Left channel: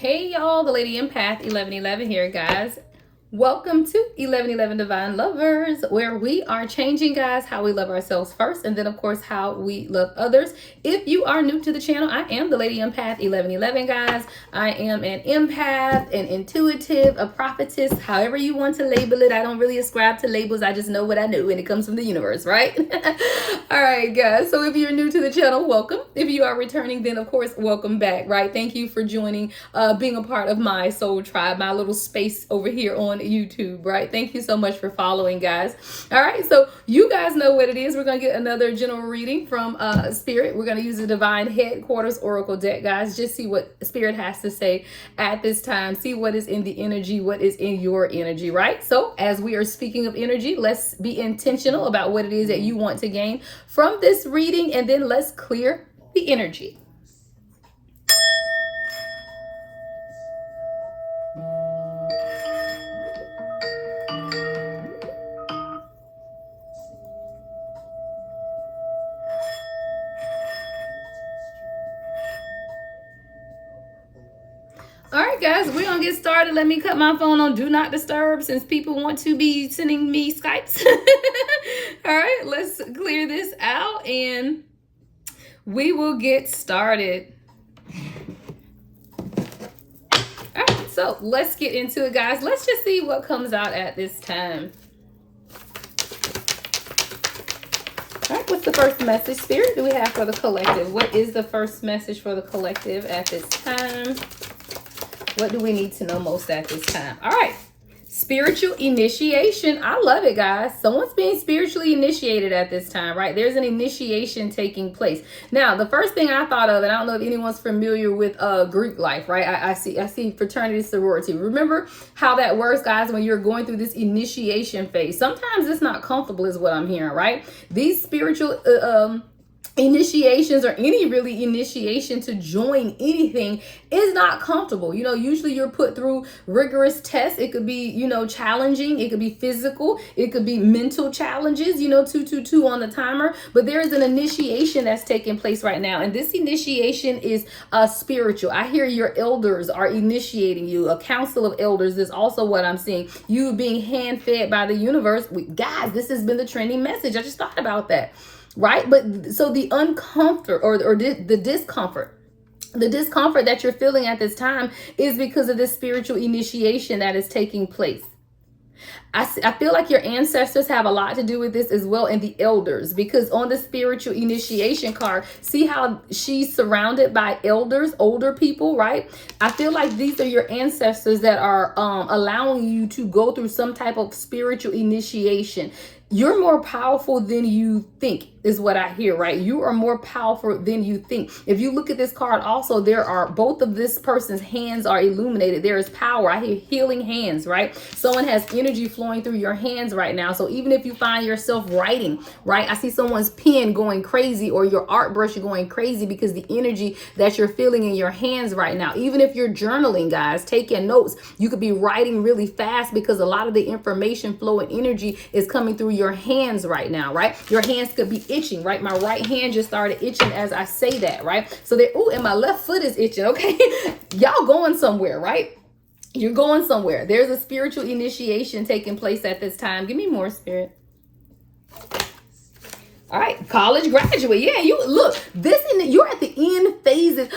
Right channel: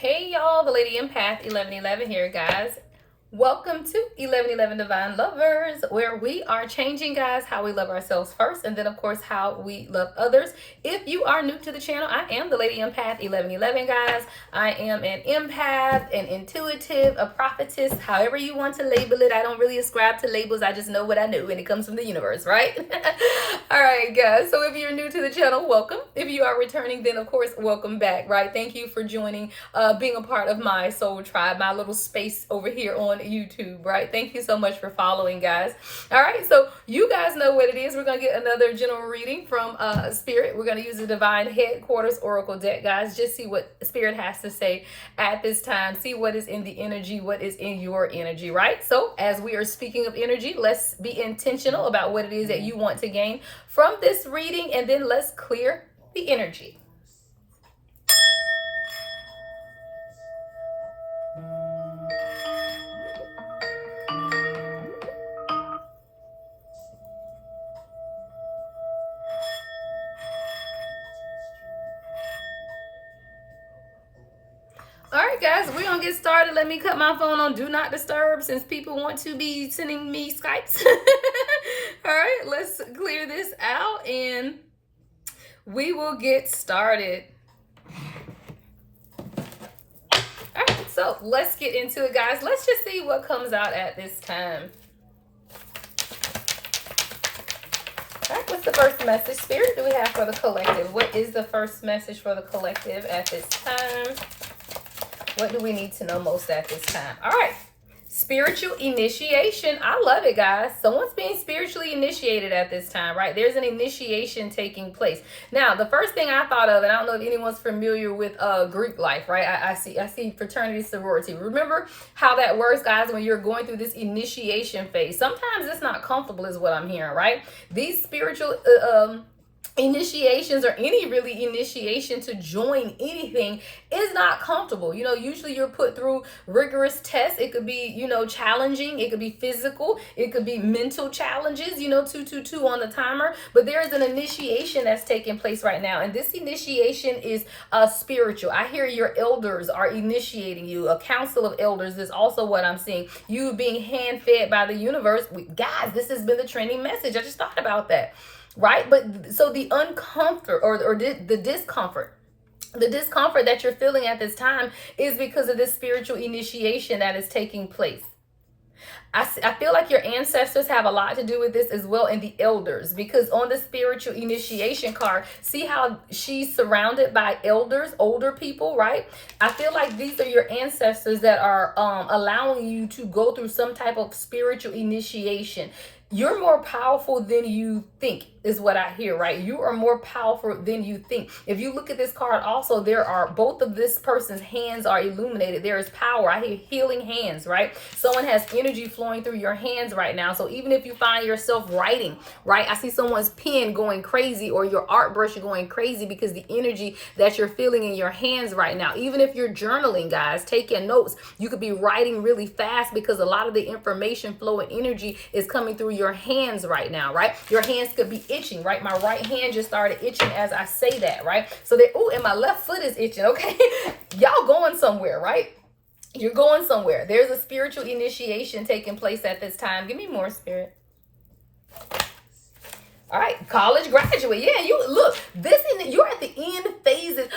Hey y'all, the Lady Empath 1111 here, guys. Welcome to 1111 Divine Lovers, where we are changing, guys, how we love ourselves first, and then, of course, how we love others. If you are new to the channel, I am the Lady Empath 1111, guys. I am an empath, an intuitive, a prophetess, however you want to label it. I don't really ascribe to labels. I just know what I know, and it comes from the universe, right? All right, guys. So if you're new to the channel, welcome. If you are returning, then, of course, welcome back, right? Thank you for joining, being a part of my soul tribe, my little space over here on YouTube, right? Thank you so much for following, guys. All right, so you guys know what it is. We're gonna get another general reading from Spirit. We're gonna use the Divine Headquarters Oracle deck, guys. Just see what Spirit has to say at this time. See what is in the energy, what is in your energy, right? So as we are speaking of energy, let's be intentional about what it is that you want to gain from this reading, and then let's clear the energy. All right, guys, we're gonna get started. Let me cut my phone on do not disturb since people want to be sending me Skypes. All right, let's clear this out and we will get started. All right, so let's get into it, guys. Let's just see what comes out at this time. All right, what's the first message, Spirit, do we have for the collective? What is the first message for the collective at this time? What do we need to know most at this time? All right. Spiritual initiation. I love it, guys. Someone's being spiritually initiated at this time, right? There's an initiation taking place. Now, the first thing I thought of, and I don't know if anyone's familiar with Greek life, right? I see fraternity, sorority. Remember how that works, guys, when you're going through this initiation phase. Sometimes it's not comfortable is what I'm hearing, right? These spiritual initiations, or any really initiation to join anything, is not comfortable. You know, usually you're put through rigorous tests. It could be, you know, challenging. It could be physical. It could be mental challenges, you know, 222 on the timer. But there is an initiation that's taking place right now. And this initiation is spiritual. I hear your elders are initiating you. A council of elders is also what I'm seeing. You being hand-fed by the universe. Guys, this has been the trending message. I just thought about that. Right? But so the uncomfort or the discomfort that you're feeling at this time is because of this spiritual initiation that is taking place. I feel like your ancestors have a lot to do with this as well, and the elders, because on the spiritual initiation card, see how she's surrounded by elders, older people, right? I feel like these are your ancestors that are allowing you to go through some type of spiritual initiation. You're more powerful than you think is what I hear, right? You are more powerful than you think. If you look at this card also, there are both of this person's hands are illuminated. There is power. I hear healing hands, right? Someone has energy flowing through your hands right now. So even if you find yourself writing, right? I see someone's pen going crazy or your art brush going crazy because the energy that you're feeling in your hands right now. Even if you're journaling, guys, taking notes, you could be writing really fast because a lot of the information flow and energy is coming through your hands right now, right? Your hands could be itching, right? My right hand just started itching as I say that, right? So there, oh, and my left foot is itching, okay? Y'all going somewhere, right? You're going somewhere. There's a spiritual initiation taking place at this time. Give me more, Spirit. All right, college graduate. Yeah, you look, you're at the end phases.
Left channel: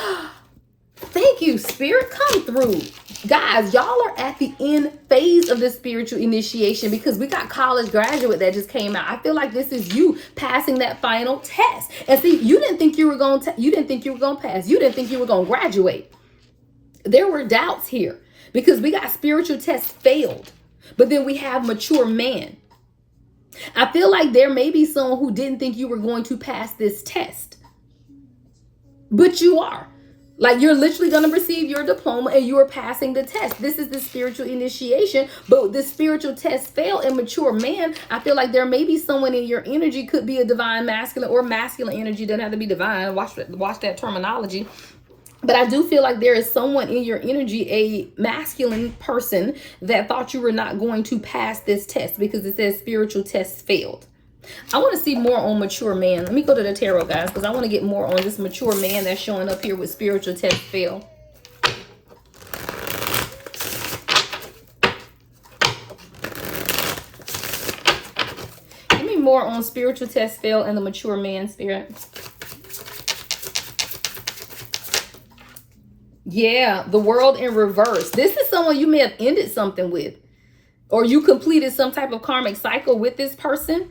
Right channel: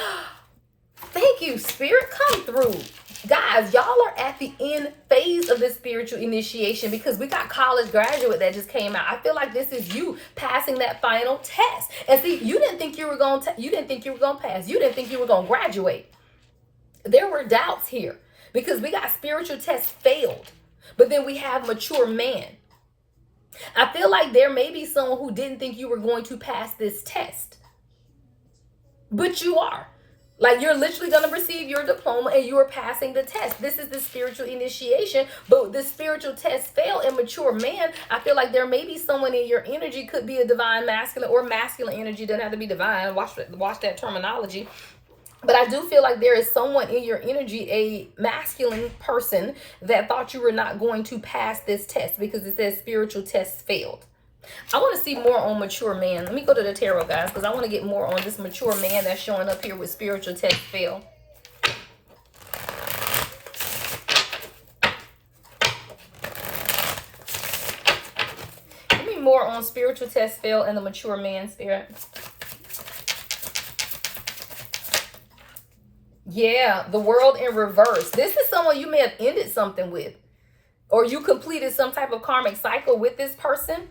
Thank you, Spirit. Come through. Guys, y'all are at the end phase of this spiritual initiation because we got college graduate that just came out. I feel like this is you passing that final test. And see, you didn't think you were going to pass. You didn't think you were going to graduate. There were doubts here because we got spiritual tests failed. But then we have mature man. I feel like there may be someone who didn't think you were going to pass this test. But you are. Like, you're literally going to receive your diploma and you are passing the test. This is the spiritual initiation, but the spiritual test failed and mature man. I feel like there may be someone in your energy, could be a divine masculine or masculine energy. Doesn't have to be divine. Watch that terminology. But I do feel like there is someone in your energy, a masculine person, that thought you were not going to pass this test because it says spiritual test failed. I want to see more on mature man. Let me go to the tarot, guys, because I want to get more on this mature man that's showing up here with spiritual test fail. more on spiritual test fail and the mature man, Spirit. Yeah, the world in reverse. This is someone you may have ended something with, or you completed some type of karmic cycle with this person.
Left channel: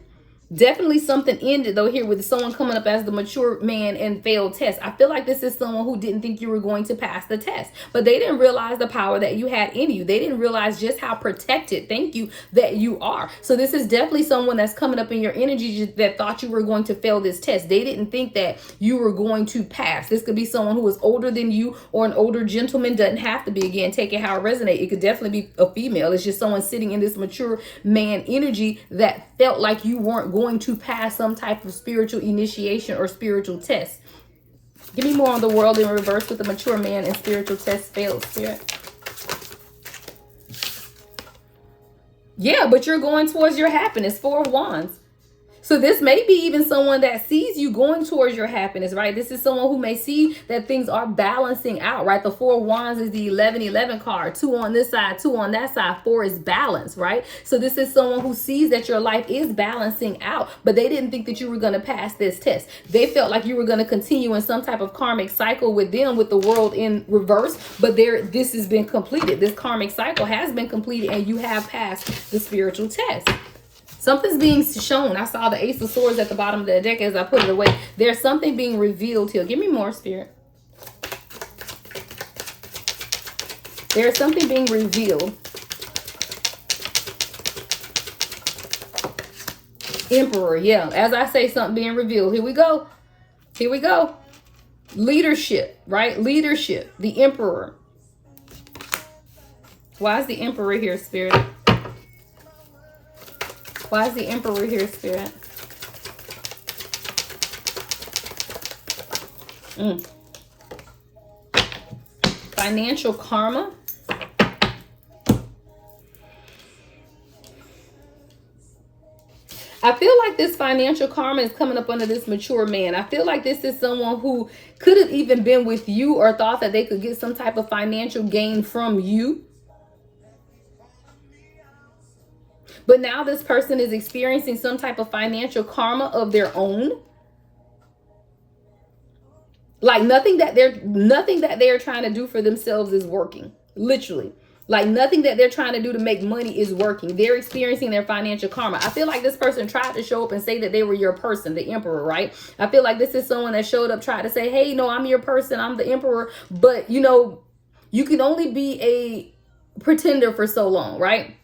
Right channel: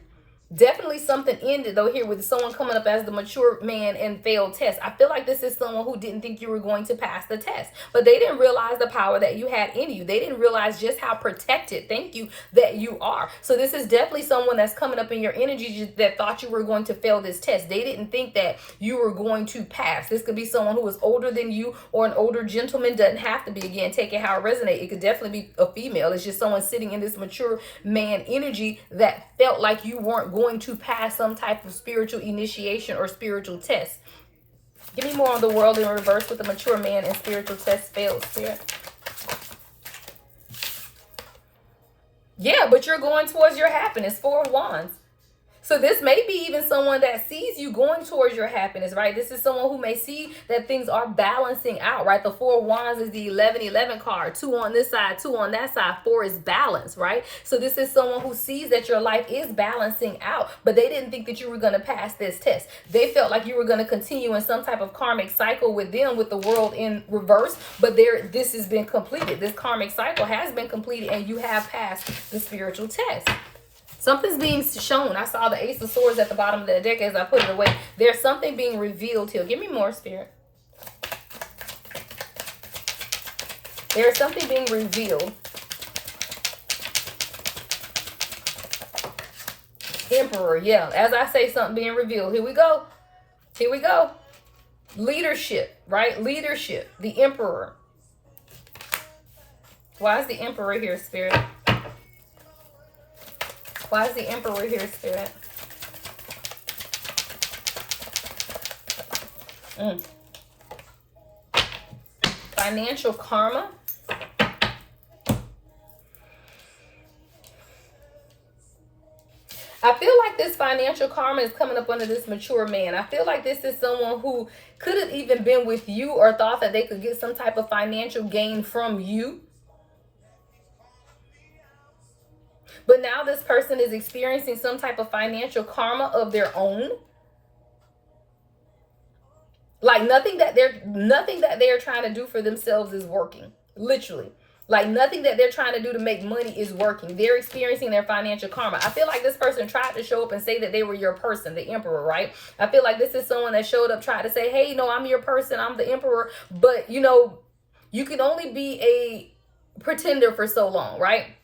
Definitely something ended though here with someone coming up as the mature man and failed test. I feel like this is someone who didn't think you were going to pass the test, but they didn't realize the power that you had in you. They didn't realize just how protected, thank you, that you are. So this is definitely someone that's coming up in your energy that thought you were going to fail this test. They didn't think that you were going to pass. This could be someone who is older than you or an older gentleman. Doesn't have to be, again, take it how it resonates. It could definitely be a female. It's just someone sitting in this mature man energy that felt like you weren't going to pass some type of spiritual initiation or spiritual test. Give me more on the world in reverse with the mature man and spiritual test failed, Spirit. Yeah, but you're going towards your happiness. 4 of Wands. So this may be even someone that sees you going towards your happiness, right? This is someone who may see that things are balancing out, right? The 4 of Wands is the 11-11 card. 2 on this side, 2 on that side. 4 is balance, right? So this is someone who sees that your life is balancing out, but they didn't think that you were going to pass this test. They felt like you were going to continue in some type of karmic cycle with them, with the world in reverse, but this has been completed. This karmic cycle has been completed and you have passed the spiritual test. Something's being shown. I saw the Ace of Swords at the bottom of the deck as I put it away. There's something being revealed here. Give me more, Spirit. There's something being revealed. Emperor, yeah. As I say, something being revealed. Here we go. Here we go. Leadership, right? Leadership. The Emperor. Why is the Emperor here, Spirit? Why is the Emperor here, Spirit? Financial karma. I feel like this financial karma is coming up under this mature man. I feel like this is someone who could have even been with you or thought that they could get some type of financial gain from you. But now this person is experiencing some type of financial karma of their own. Like nothing that they're trying to do for themselves is working. Literally. Like nothing that they're trying to do to make money is working. They're experiencing their financial karma. I feel like this person tried to show up and say that they were your person, the Emperor, right? I feel like this is someone that showed up, tried to say, hey, no, I'm your person. I'm the Emperor. But, you know, you can only be a pretender for so long, right?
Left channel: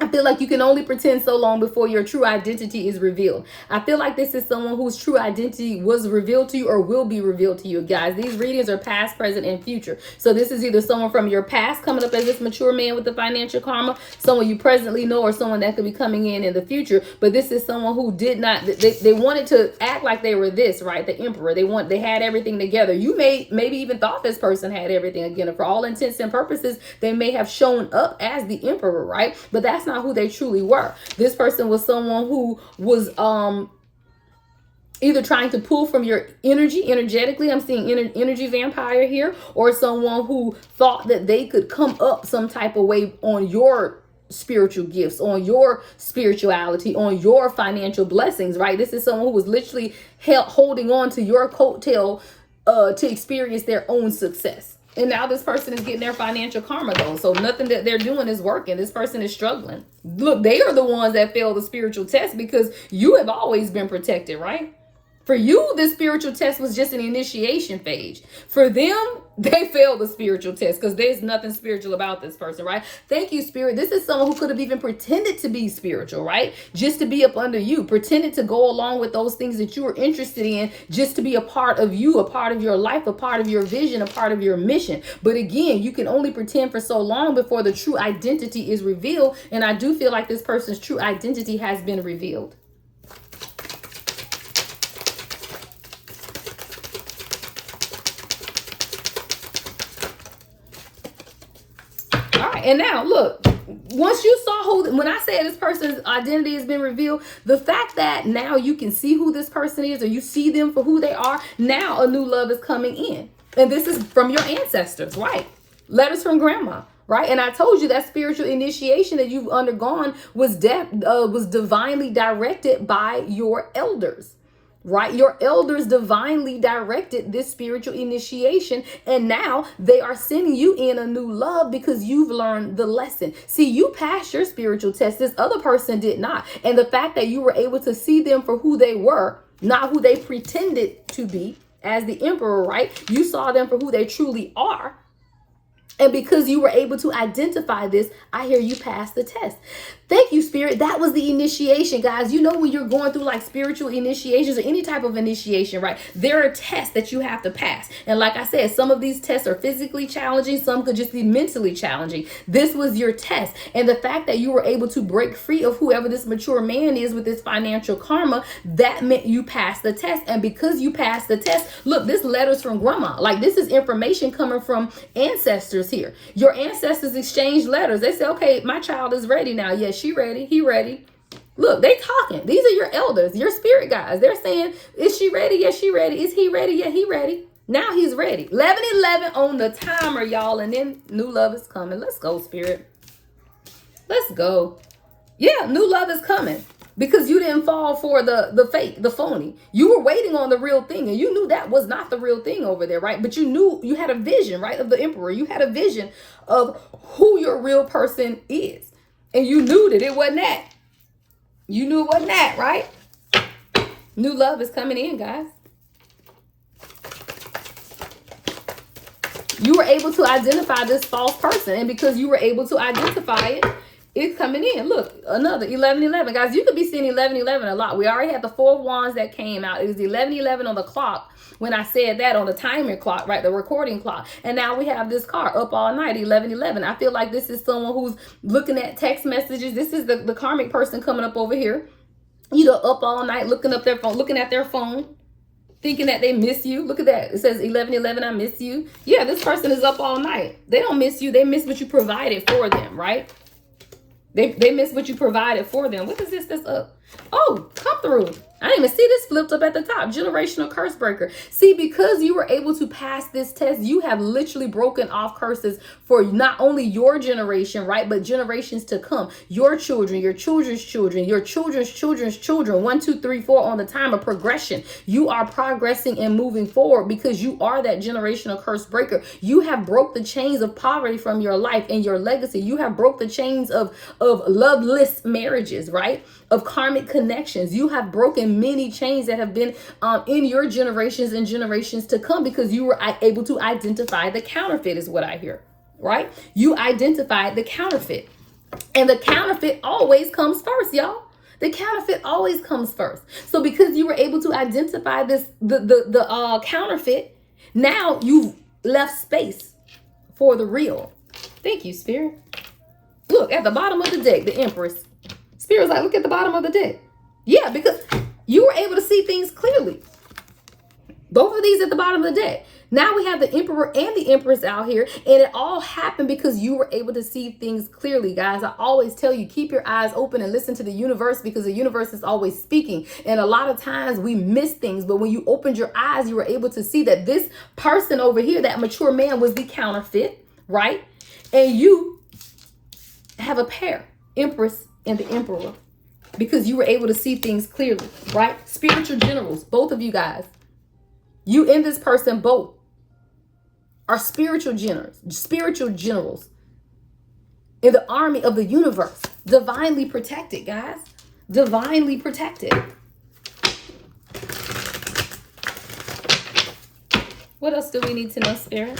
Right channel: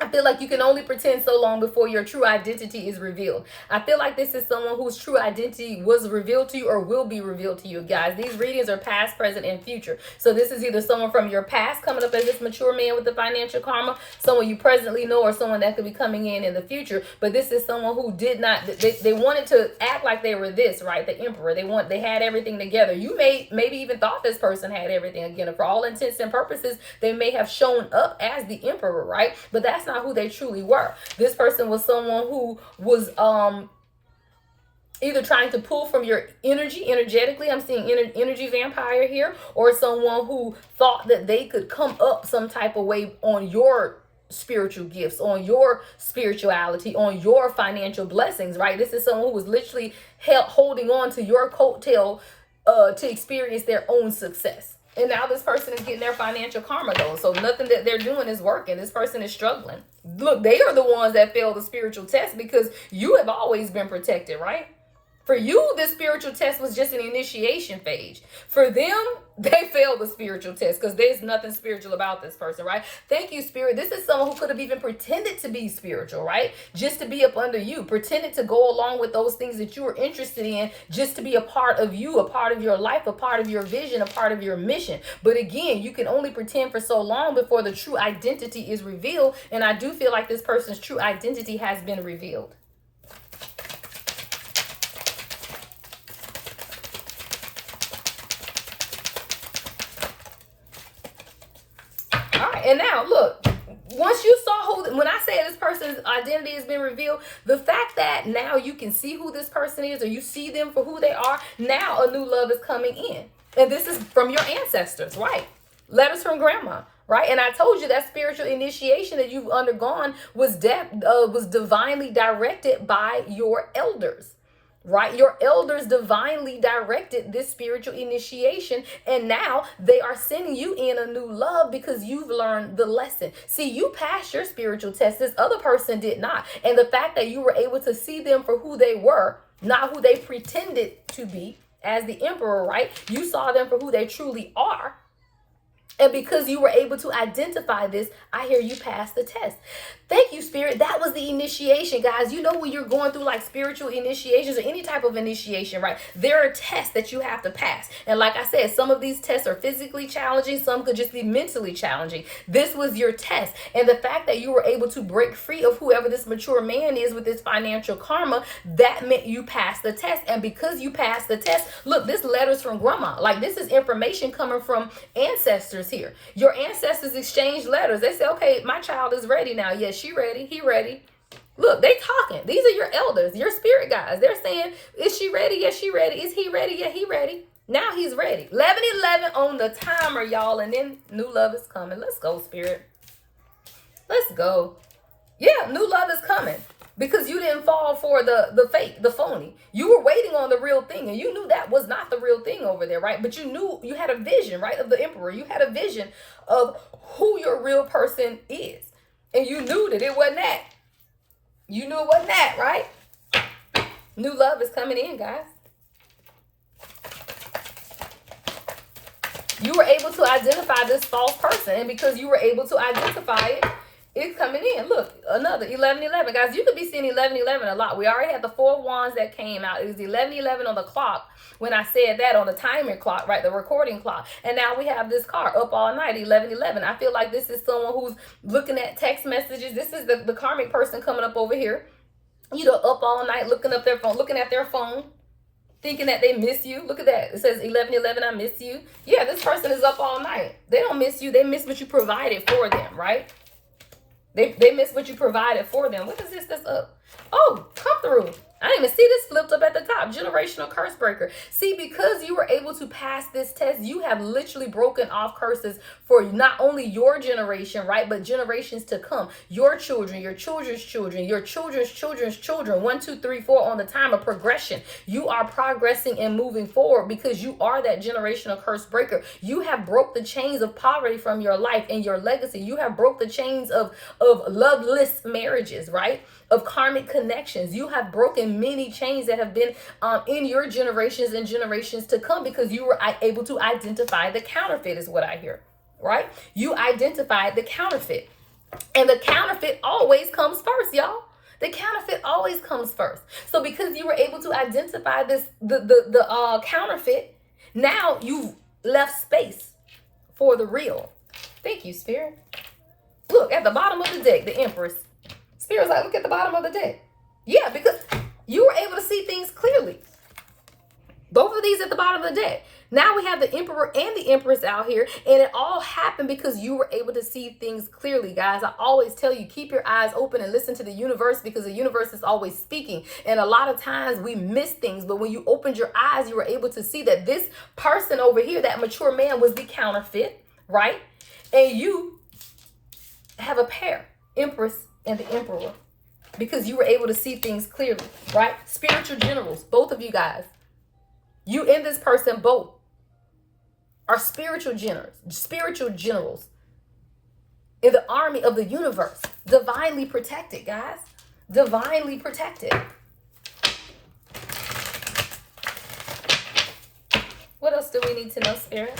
I feel like you can only pretend so long before your true identity is revealed. I feel like this is someone whose true identity was revealed to you or will be revealed to you, guys. These readings are past, present, and future. So this is either someone from your past coming up as this mature man with the financial karma, someone you presently know, or someone that could be coming in the future. But this is someone who did not, they wanted to act like they were this, right? The Emperor. They had everything together. You maybe even thought this person had everything. Again, for all intents and purposes, they may have shown up as the Emperor, right? But that's not who they truly were. This person was someone who was either trying to pull from your energy, energetically. I'm seeing energy vampire here, or someone who thought that they could come up some type of way on your spiritual gifts, on your spirituality, on your financial blessings, right? This is someone who was literally holding on to your coattail to experience their own success. And now this person is getting their financial karma though. So nothing that they're doing is working. This person is struggling. Look, they are the ones that fail the spiritual test because you have always been protected, right? For you, the spiritual test was just an initiation phase. For them, they failed the spiritual test because there's nothing spiritual about this person, right? Thank you, Spirit. This is someone who could have even pretended to be spiritual, right? Just to be up under you, pretended to go along with those things that you were interested in, just to be a part of you, a part of your life, a part of your vision, a part of your mission. But again, you can only pretend for so long before the true identity is revealed. And I do feel like this person's true identity has been revealed. And now look, once you saw when I say this person's identity has been revealed, the fact that now you can see who this person is, or you see them for who they are, now a new love is coming in. And this is from your ancestors, right? Letters from grandma. right? And I told you that spiritual initiation that you've undergone was divinely directed by your elders, right? Your elders divinely directed this spiritual initiation, and now they are sending you in a new love because you've learned the lesson. See, you passed your spiritual test. This other person did not. And the fact that you were able to see them for who they were, not who they pretended to be as the emperor, right? You saw them for who they truly are. And because you were able to identify this, I hear you pass the test. Thank you, Spirit. That was the initiation, guys. You know, when you're going through like spiritual initiations or any type of initiation, right? There are tests that you have to pass. And like I said, some of these tests are physically challenging. Some could just be mentally challenging. This was your test. And the fact that you were able to break free of whoever this mature man is with this financial karma, that meant you passed the test. And because you passed the test, look, this letter's from grandma. Like, this is information coming from ancestors here. Your ancestors exchanged letters. They say, okay, my child is ready now. Yes, she ready. He ready. Look, they talking. These are your elders, your spirit guides. They're saying, is she ready? Yes, she ready. Is he ready? Yeah, he ready. Now he's ready. 11:11 on the timer, y'all. And then new love is coming. Let's go, Spirit. Let's go. Yeah, new love is coming. Because you didn't fall for the fake, the phony. You were waiting on the real thing, and you knew that was not the real thing over there, right? But you knew, you had a vision, right, of the emperor. You had a vision of who your real person is. And you knew that it wasn't that. You knew it wasn't that, right? New love is coming in, guys. You were able to identify this false person, and because you were able to identify it, it's coming in. Look, another 11:11. Guys, you could be seeing 11:11 a lot. We already had the 4 of Wands that came out. It was 11:11 on the clock when I said that, on the timer clock, right? The recording clock. And now we have this card, up all night, 11:11. I feel like this is someone who's looking at text messages. This is the karmic person coming up over here. You know, up all night, looking at their phone, thinking that they miss you. Look at that. It says 11:11, I miss you. Yeah, this person is up all night. They don't miss you. They miss what you provided for them, right? They miss what you provided for them. What is this that's up? Oh, come through. I didn't even see this flipped up at the top. Generational curse breaker. See, because you were able to pass this test, you have literally broken off curses for not only your generation, right, but generations to come. Your children, your children's children, your children's children's children. 1, 2, 3, 4 on the time of progression. You are progressing and moving forward because you are that generational curse breaker. You have broke the chains of poverty from your life and your legacy. You have broke the chains of loveless marriages, right? Of karmic connections. You have broken many chains that have been in your generations and generations to come because you were able to identify the counterfeit, is what I hear, right? You identified the counterfeit, and the counterfeit always comes first, y'all. The counterfeit always comes first. So because you were able to identify this, the counterfeit, now you've left space for the real. Thank you, Spirit. Look at the bottom of the deck, the Empress. Spirit's like, look at the bottom of the deck. Yeah, because you were able to see things clearly. Both of these at the bottom of the deck. Now we have the Emperor and the Empress out here, and it all happened because you were able to see things clearly, guys. I always tell you, keep your eyes open and listen to the universe, because the universe is always speaking. And a lot of times we miss things, but when you opened your eyes, you were able to see that this person over here, that mature man, was the counterfeit, right? And you have a pair, Empress and the Emperor, because you were able to see things clearly, right? Spiritual generals, both of you guys. You and this person both are spiritual generals in the army of the universe. Divinely protected, guys. Divinely protected. What else do we need to know, Spirit?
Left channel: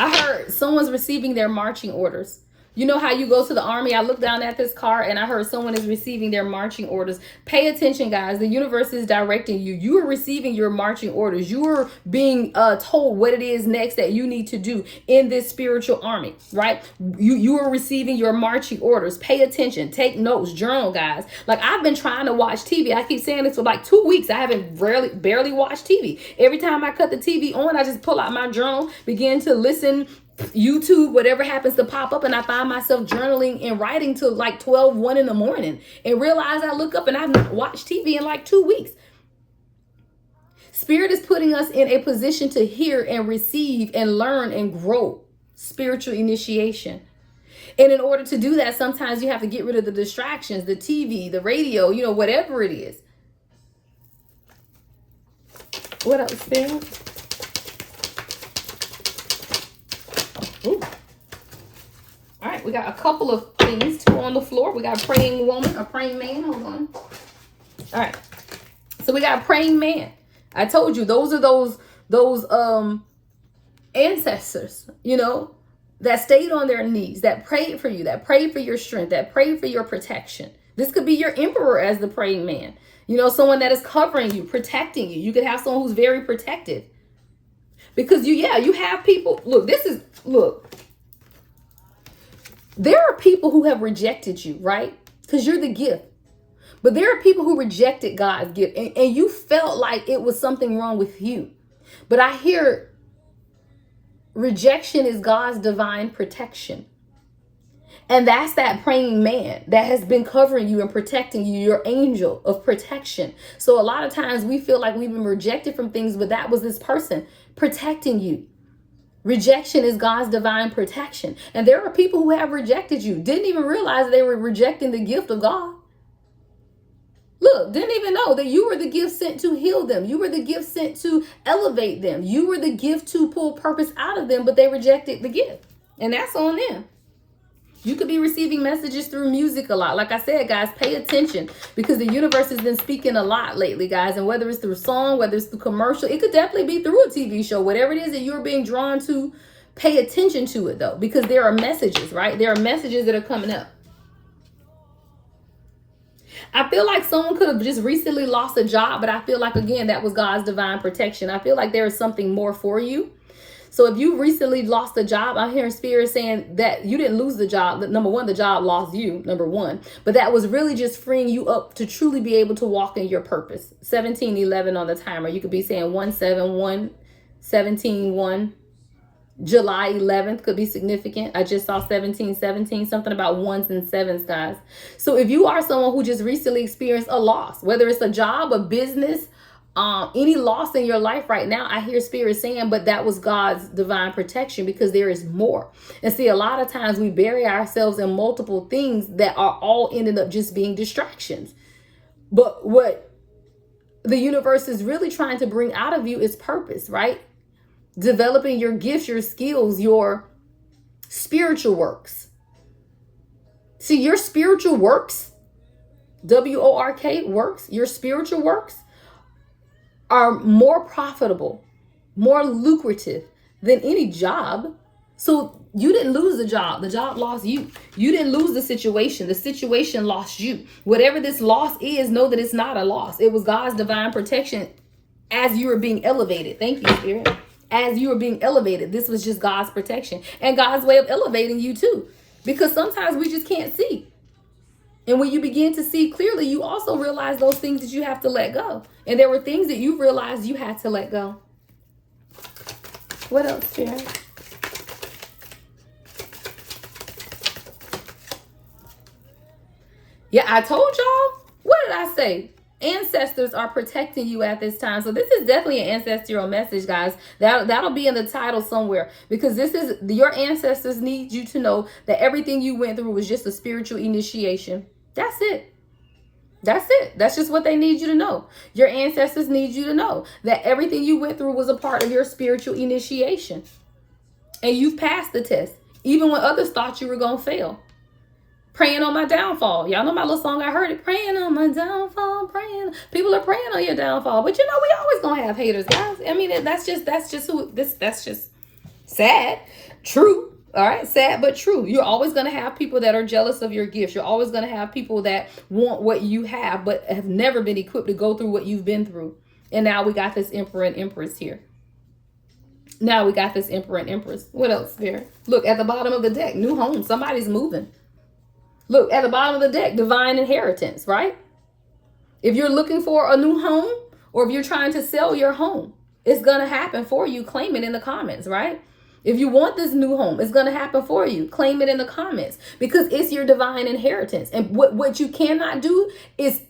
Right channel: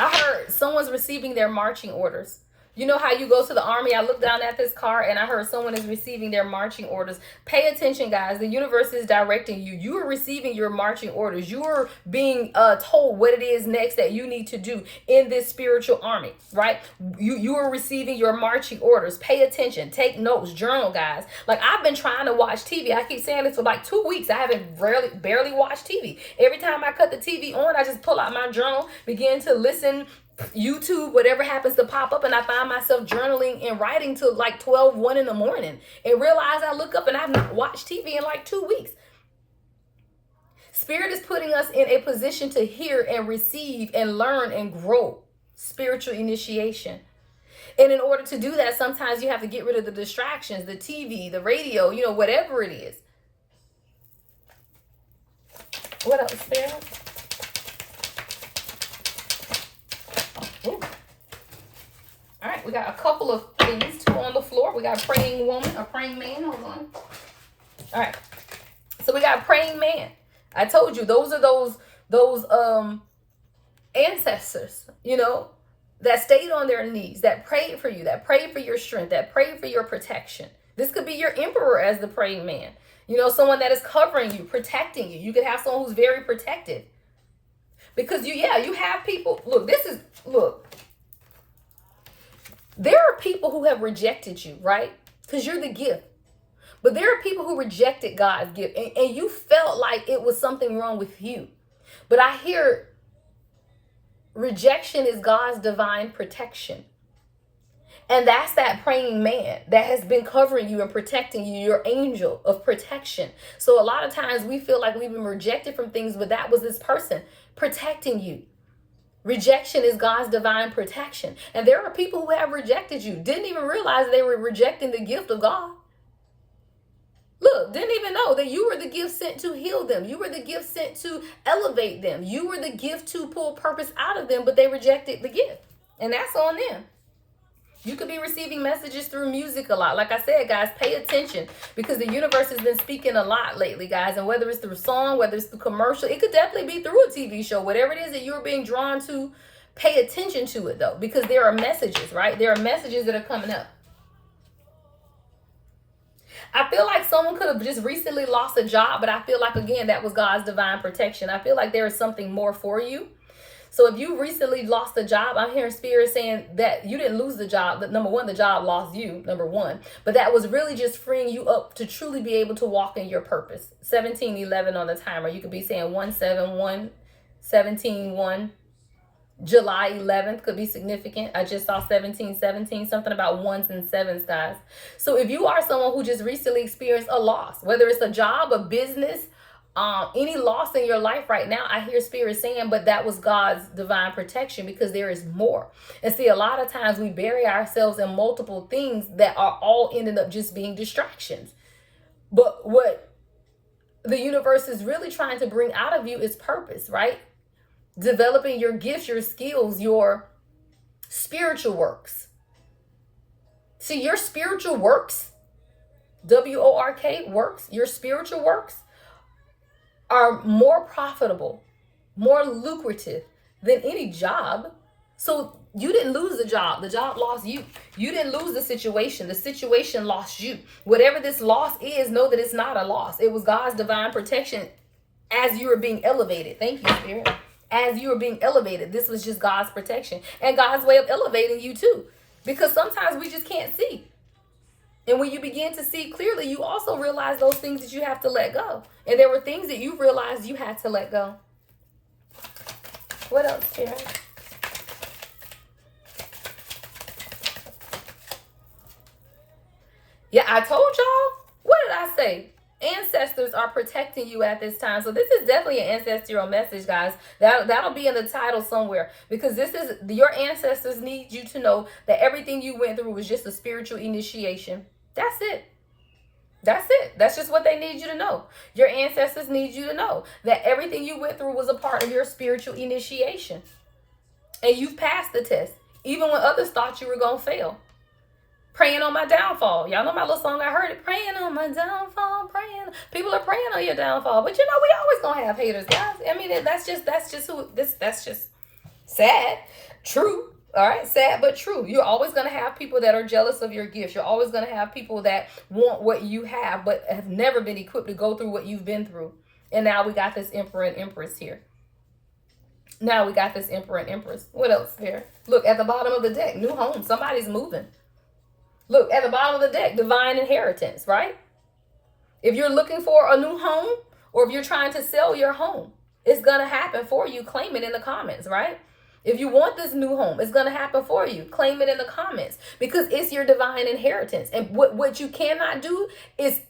I heard someone's receiving their marching orders. You know how you go to the army? I looked down at this card and I heard someone is receiving their marching orders. Pay attention, guys. The universe is directing you. You are receiving your marching orders. You are being told what it is next that you need to do in this spiritual army, right? You are receiving your marching orders. Pay attention. Take notes. Journal, guys. Like, I've been trying to watch TV. I keep saying this for like 2 weeks. I haven't barely watched TV. Every time I cut the TV on, I just pull out my journal, begin to listen, YouTube, whatever happens to pop up, and I find myself journaling and writing till like 12, 1 in the morning, and realize I look up and I've not watched TV in like 2 weeks. Spirit is putting us in a position to hear and receive and learn and grow. Spiritual initiation. And in order to do that, sometimes you have to get rid of the distractions, the TV, the radio, whatever it is. What else, Sarah? Ooh. All right, we got a couple of things, 2 on the floor. We got a praying woman, a praying man. Hold on. All right. So we got a praying man. I told you those are those ancestors, that stayed on their knees, that prayed for you, that prayed for your strength, that prayed for your protection. This could be your emperor as the praying man. Someone that is covering you, protecting you. You could have someone who's very protective. Because you have people. Look. There are people who have rejected you, right? Because you're the gift. But there are people who rejected God's gift, and you felt like it was something wrong with you. But I hear rejection is God's divine protection. And that's that praying man that has been covering you and protecting you, your angel of protection. So a lot of times we feel like we've been rejected from things, but that was this person protecting you. Rejection is God's divine protection. And there are people who have rejected you, didn't even realize they were rejecting the gift of God. Look, didn't even know that you were the gift sent to heal them. You were the gift sent to elevate them. You were the gift to pull purpose out of them, but they rejected the gift. And that's on them. You could be receiving messages through music a lot. Like I said, guys, pay attention because the universe has been speaking a lot lately, guys. And whether it's through song, whether it's through commercial, it could definitely be through a TV show. Whatever it is that you're being drawn to, pay attention to it, though, because there are messages, right? There are messages that are coming up. I feel like someone could have just recently lost a job, but I feel like, again, that was God's divine protection. I feel like there is something more for you. So if you recently lost a job, I'm hearing Spirit saying that you didn't lose the job. That number one, the job lost you, number one. But that was really just freeing you up to truly be able to walk in your purpose. 1711 on the timer. You could be saying 171, 171. July 11th could be significant. I just saw 1717, something about ones and sevens, guys. So if you are someone who just recently experienced a loss, whether it's a job, a business, any loss in your life right now, I hear Spirit saying, but that was God's divine protection because there is more. And see, a lot of times we bury ourselves in multiple things that are all ending up just being distractions. But what the universe is really trying to bring out of you is purpose, right? Developing your gifts, your skills, your spiritual works. See, your spiritual works, W-O-R-K, works, your spiritual works are more profitable, more lucrative than any job. So you didn't lose the job lost you. You didn't lose the situation lost you. Whatever this loss is, know that it's not a loss. It was God's divine protection as you were being elevated. Thank you, Spirit. As you were being elevated, this was just God's protection and God's way of elevating you too. Because sometimes we just can't see. And when you begin to see clearly, you also realize those things that you have to let go. And there were things that you realized you had to let go. What else, Sharon? Yeah, I told y'all. What did I say? Ancestors are protecting you at this time. So this is definitely an ancestral message, guys. That'll be in the title somewhere, because this is your ancestors need you to know that everything you went through was just a spiritual initiation. That's it. That's it. That's just what they need you to know. Your ancestors need you to know that everything you went through was a part of your spiritual initiation. And you've passed the test, even when others thought you were going to fail. Praying on my downfall. Y'all know my little song, I heard it. Praying on my downfall, praying. People are praying on your downfall. But you know, we always going to have haters, guys. I mean, that's just sad. True. All right, sad but true. You're always going to have people that are jealous of your gifts. You're always going to have people that want what you have, but have never been equipped to go through what you've been through. And now we got this Emperor and Empress here. Now we got this Emperor and Empress. What else here? Look, at the bottom of the deck, new home. Somebody's moving. Look, at the bottom of the deck, divine inheritance, right? If you're looking for a new home, or if you're trying to sell your home, it's going to happen for you. Claim it in the comments, right? If you want this new home, it's going to happen for you. Claim it in the comments, because it's your divine inheritance. And what you cannot do is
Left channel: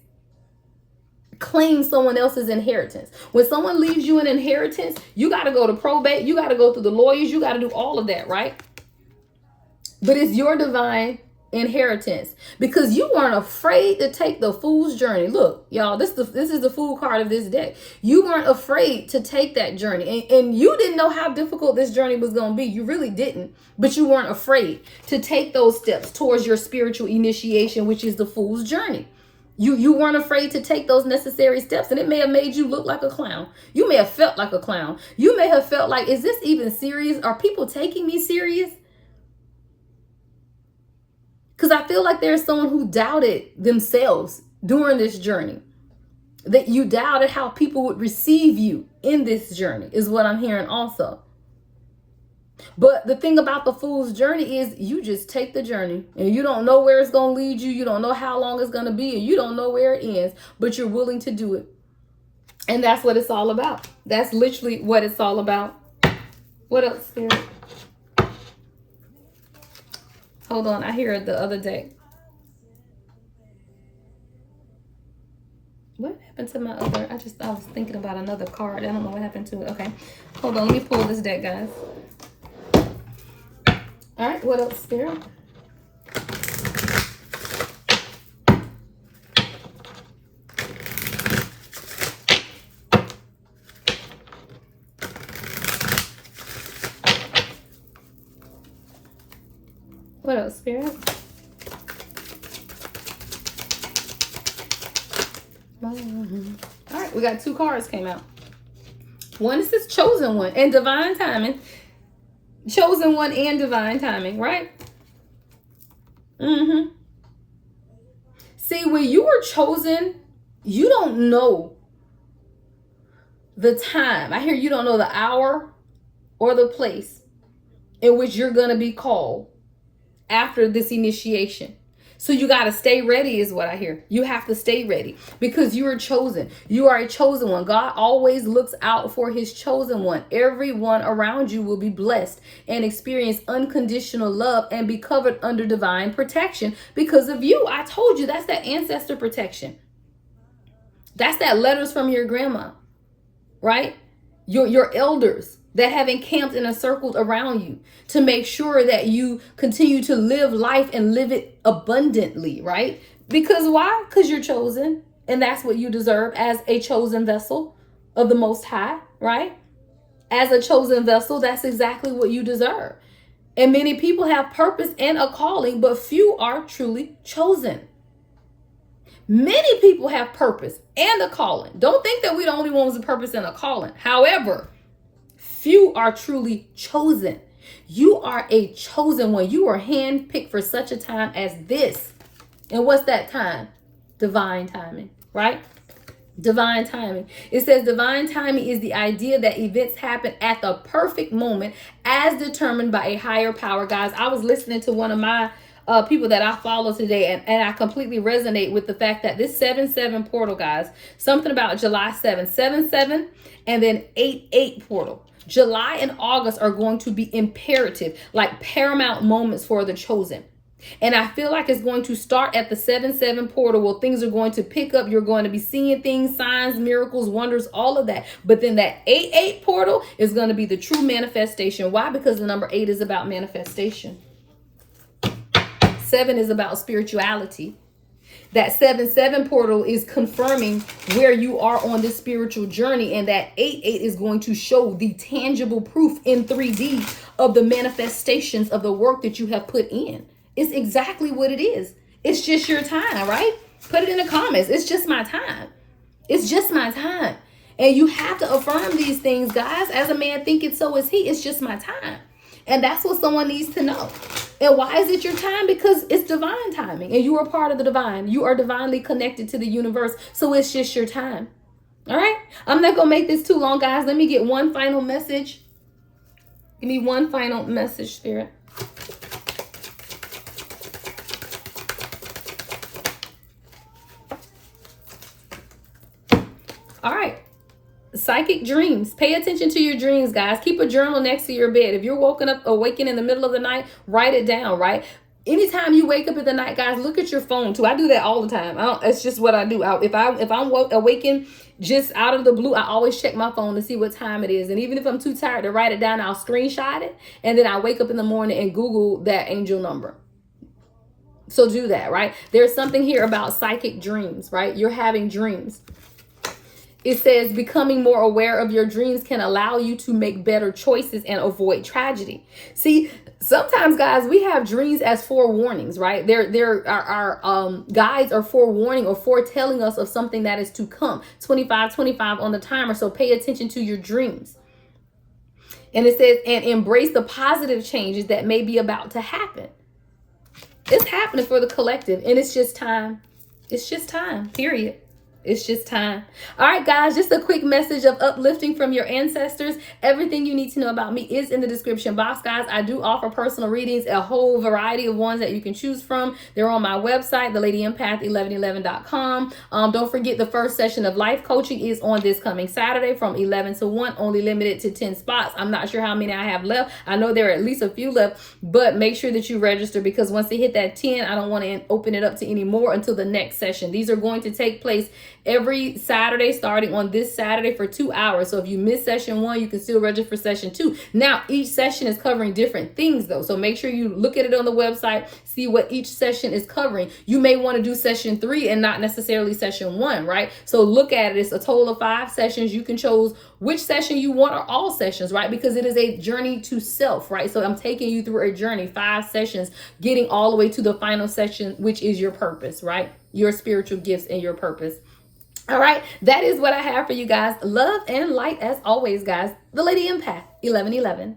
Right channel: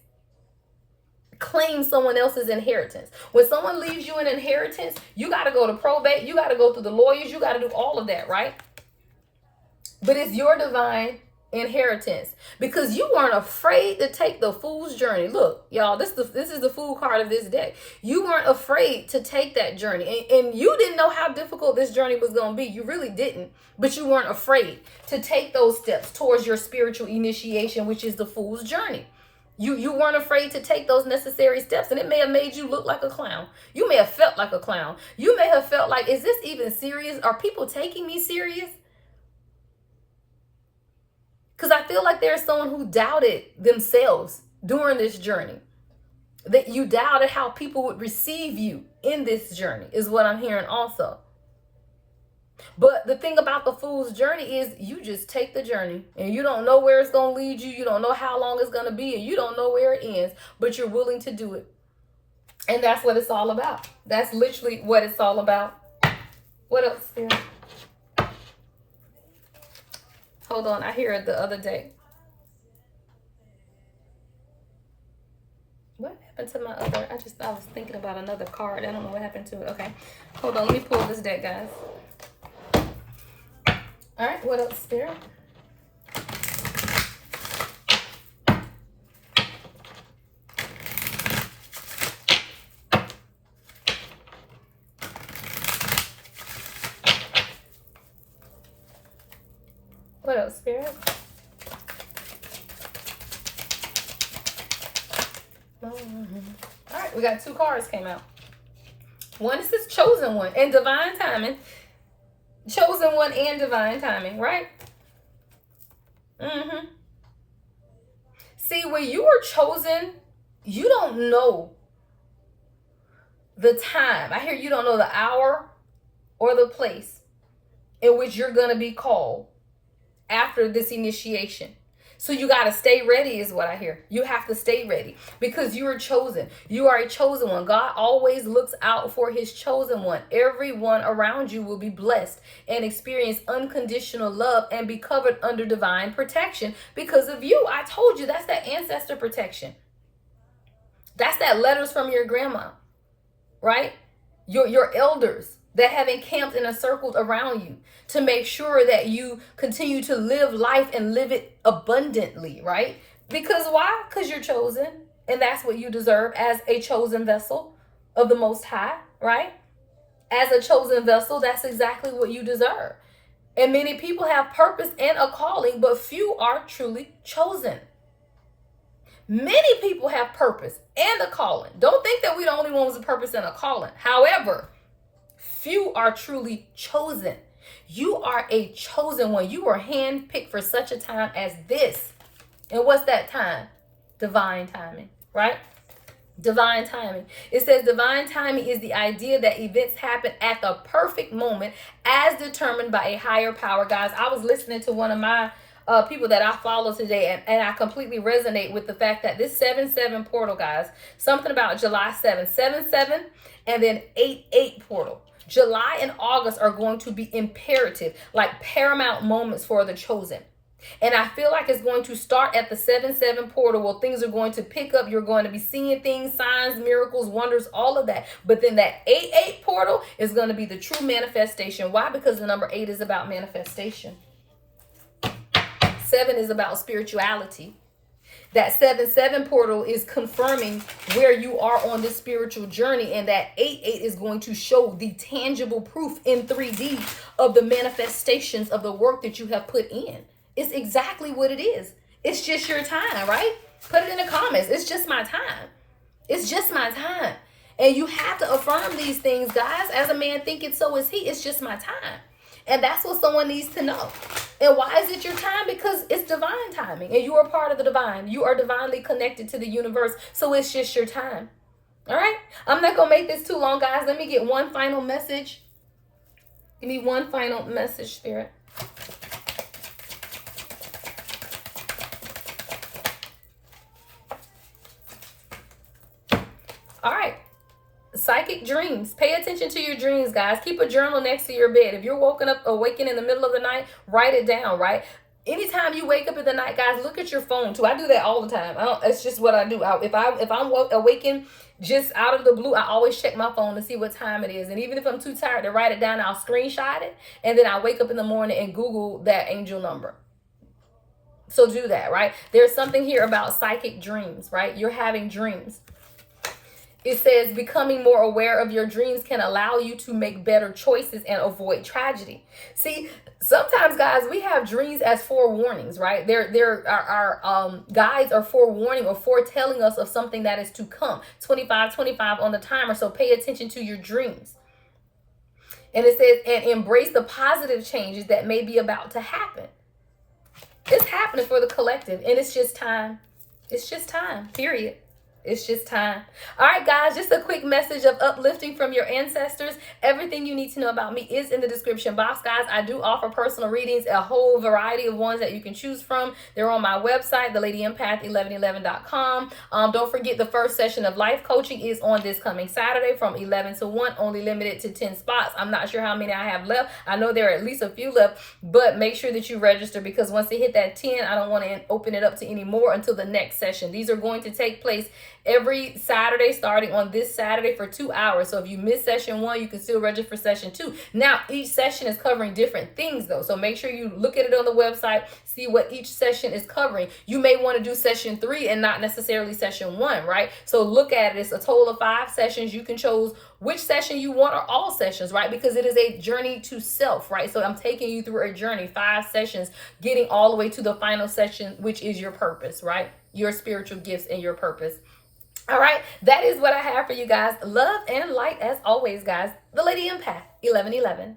claim someone else's inheritance. When someone leaves you an inheritance, you got to go to probate. You got to go through the lawyers. You got to do all of that, right? But it's your divine inheritance because you weren't afraid to take the fool's journey. Look, y'all, this is the fool card of this deck. You weren't afraid to take that journey, and you didn't know how difficult this journey was going to be. You really didn't, but you weren't afraid to take those steps towards your spiritual initiation, which is the fool's journey. You weren't afraid to take those necessary steps, and it may have made you look like a clown. You may have felt like a clown. You may have felt like, is this even serious? Are people taking me serious? Because I feel like there's someone who doubted themselves during this journey. That you doubted how people would receive you in this journey is what I'm hearing also. But the thing about the fool's journey is you just take the journey and you don't know where it's going to lead you. You don't know how long it's going to be and you don't know where it ends, but you're willing to do it. And that's what it's all about. That's literally what it's all about. What else, Spirit? Hold on, I hear it the other day. What happened to my other? I was thinking about another card. I don't know what happened to it. Okay, hold on. Let me pull this deck, guys. All right, what else, Spirit? What else, Spirit? All right, we got 2 cards came out. One is this chosen one and divine timing. Chosen one and divine timing, right? See, when you are chosen, you don't know the time. I hear you don't know the hour or the place in which you're going to be called after this initiation. So you got to stay ready is what I hear. You have to stay ready because you are chosen. You are a chosen one. God always looks out for his chosen one. Everyone around you will be blessed and experience unconditional love and be covered under divine protection because of you. I told you that's that ancestor protection. That's that letters from your grandma, right? Your elders that have encamped and encircled around you to make sure that you continue to live life and live it abundantly, right? Because why? Because you're chosen, and that's what you deserve as a chosen vessel of the Most High, right? As a chosen vessel, that's exactly what you deserve. And many people have purpose and a calling, but few are truly chosen. Many people have purpose and a calling. Don't think that we're the only ones with purpose and a calling. However, few are truly chosen. You are a chosen one. You are handpicked for such a time as this. And what's that time? Divine timing, right? Divine timing. It says divine timing is the idea that events happen at the perfect moment as determined by a higher power. Guys, I was listening to one of my people that I follow today, and I completely resonate with the fact that this 7-7 portal, guys, something about July 7-7 and then 8-8 portal. July and August are going to be imperative, like paramount moments for the chosen. And I feel like it's going to start at the 7-7 portal where things are going to pick up. You're going to be seeing things, signs, miracles, wonders, all of that. But then that 8-8 portal is going to be the true manifestation. Why? Because the number 8 is about manifestation. 7 is about spirituality. That 7-7 portal is confirming where you are on this spiritual journey. And that 8-8 is going to show the tangible proof in 3D of the manifestations of the work that you have put in. It's exactly what it is. It's just your time, right? Put it in the comments. It's just my time. It's just my time. And you have to affirm these things, guys. As a man thinketh, so is he. It's just my time. And that's what someone needs to know. And why is it your time? Because it's divine timing. And you are part of the divine. You are divinely connected to the universe. So it's just your time. All right? I'm not going to make this too long, guys. Let me get one final message. Give me one final message, Spirit. All right. Psychic dreams. Pay attention to your dreams, guys. Keep a journal next to your bed. If you're awaken in the middle of the night, write it down, right? Anytime you wake up in the night, guys, look at your phone too. I do that all the time. It's just what I do. If I'm awakened just out of the blue, I always check my phone to see what time it is. And even if I'm too tired to write it down, I'll screenshot it. And then I wake up in the morning and Google that angel number. So do that, right? There's something here about psychic dreams, right? You're having dreams. It says becoming more aware of your dreams can allow you to make better choices and avoid tragedy. See, sometimes, guys, we have dreams as forewarnings, right? Our guides are forewarning or foretelling us of something that is to come. 25 on the timer. So pay attention to your dreams. And it says, and embrace the positive changes that may be about to happen. It's happening for the collective, and it's just time. It's just time, period. It's just time. All right, guys, just a quick message of uplifting from your ancestors. Everything you need to know about me is in the description box, guys. I do offer personal readings, a whole variety of ones that you can choose from. They're on my website, thelady1111.com. Don't forget the first session of life coaching is on this coming Saturday from 11 to 1, only limited to 10 spots. I'm not sure how many I have left. I know there are at least a few left, but make sure that you register, because once they hit that 10, I don't want to open it up to any more until the next session. These are going to take place every Saturday, starting on this Saturday for 2 hours. So if you miss session 1, you can still register for session 2. Now, each session is covering different things, though. So make sure you look at it on the website, see what each session is covering. You may want to do session 3 and not necessarily session 1, right? So look at it. It's a total of 5 sessions. You can choose which session you want, or all sessions, right? Because it is a journey to self, right? So I'm taking you through a journey, 5 sessions, getting all the way to the final session, which is your purpose, right? Your spiritual gifts and your purpose. All right, that is what I have for you guys. Love and light as always, guys. The Lady Empath, 1111.